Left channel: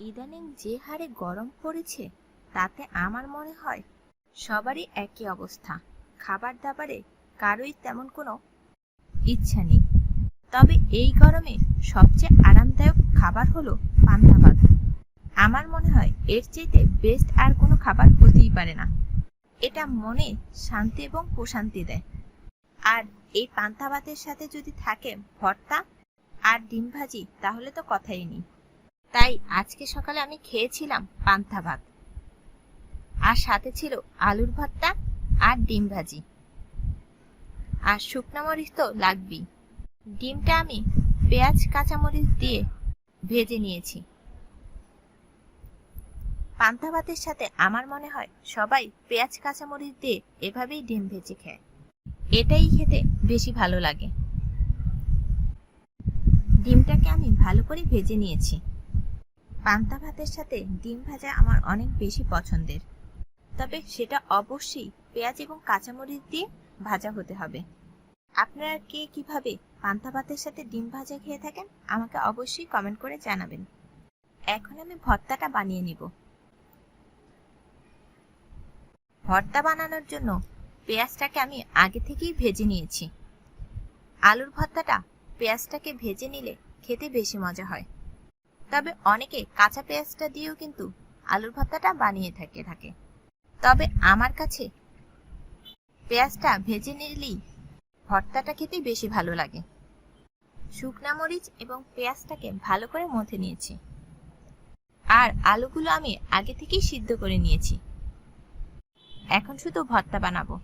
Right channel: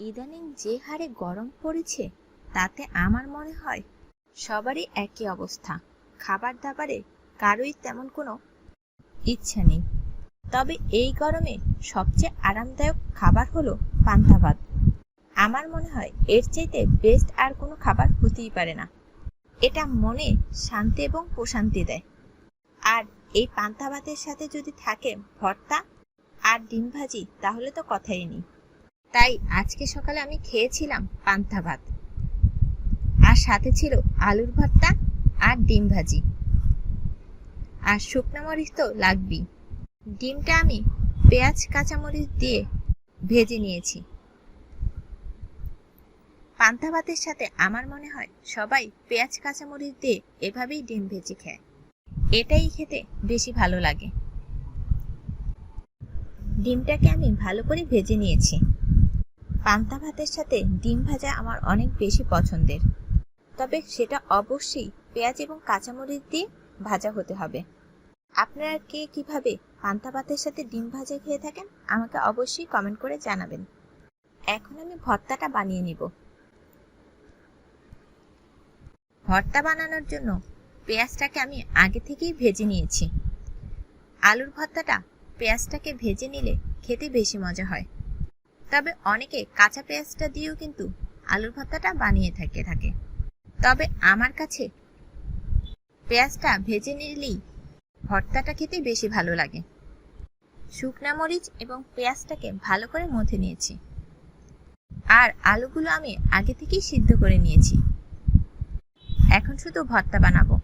ইদানিং যে হারে গরম পড়েছে, তাতে আমার মনে হয় সবারই একই অবস্থা। খাবার দাবারে কারোই তেমন কোনো ইচ্ছা নেই। তবে এই গরমে সবচেয়ে আরামদায়ক খাবার হলো পান্তা ভাত আমার মনে হয় এর চাইতে বেস্ট আর কোনো খাবার হতেই পারে না। এটা মনে শান্তি এবং প্রশান্তি দেয়। আর এই পান্তা ভাতের সাথে যদি থাকে ভর্তা আর ডিম ভাজি, তাহলে তো কথাই নেই। তাই আজকে সকালে আমি খেয়েছিলাম পান্তা ভাত। আর সাথে ছিল আলুর ভর্তা আর ডিম ভাজি। আর শুকনো মরিচ তো লাগবেই। ডিমটা আমি পেঁয়াজ, কাঁচামরিচ দিয়ে ভেজে নিয়েছি। পান্তা ভাতের সাথে আমার মনে হয় সবাই পেঁয়াজ, কাঁচামরিচ দিয়ে এভাবেই ডিম ভেজে খায়। এটাই খেতে বেশি ভালো লাগে। ডিমটাকে আমি ভালো করে ভেজে নিয়েছি। পান্তা ভাতের সাথে ডিম ভাজা আমার অনেক বেশি পছন্দের। তবে সেটা অবশ্যই পেঁয়াজ এবং কাঁচামরিচ দিয়ে ভাজা হতে হবে। আপনারা কে কীভাবে পান্তা ভাতের সাথে ডিম ভাজা খেয়ে থাকেন, আমাকে অবশ্যই কমেন্ট করে জানাবেন। এখন আমি ভর্তাটা বানিয়ে নিব। ভর্তা বানানোর জন্য পেঁয়াজটাকে আমি আগে থেকেই ভেজে নিয়েছি। আলুর ভর্তাটা পেঁয়াজটাকে ভেজে নিলে খেতে বেশি মজা হয়। তবে অনেকে কাঁচা পেঁয়াজটা দিয়েও কিন্তু আলুর ভর্তাটা বানিয়ে থাকে থাকে। তবে আমার কাছে পেঁয়াজটা ভেজে নিলেই ভর্তাটা খেতে বেশি ভালো লাগে। শুকনা মরিচ এবং পেঁয়াজটাকে ভালো করে মথে নিয়েছি। আর আলুগুলো আমি আগে থেকেই সিদ্ধ করে নিয়েছি। এখন শুধু ভর্তা বানাবো।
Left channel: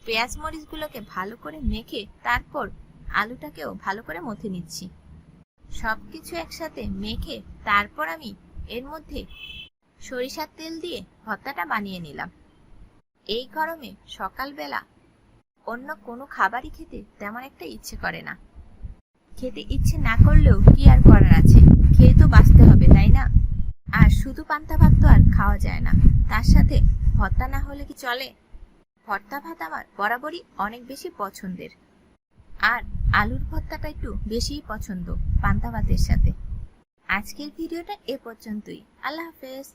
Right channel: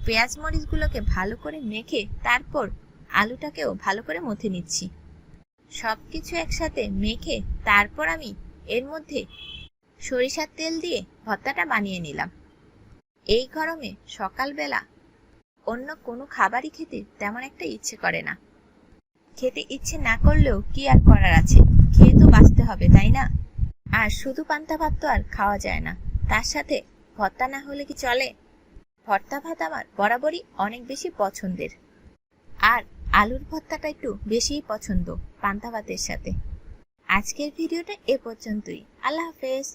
পেঁয়াজ মরিচগুলোকে ভালো করে মেখে তারপর আলুটাকেও ভালো করে মথে নিচ্ছি। সব কিছু একসাথে মেখে তারপর আমি এর মধ্যে সরিষার তেল দিয়ে ভর্তাটা বানিয়ে নিলাম। এই গরমে সকালবেলা অন্য কোনো খাবারই খেতে তেমন একটা ইচ্ছে করে না। খেতে ইচ্ছে না করলেও কি আর করার আছে? খেয়ে তো বাঁচতে হবে, তাই না? আর শুধু পান্তা ভাত তো আর খাওয়া যায় না। তার সাথে ভর্তা না হলে কি চলে? ভর্তা ভাত আমার বরাবরই অনেক বেশি পছন্দের। আর আলুর ভর্তাটা একটু বেশিই পছন্দ পান্তা ভাতের সাথে। আজকের ভিডিওটা এ পর্যন্তই। আল্লাহ হাফেজ।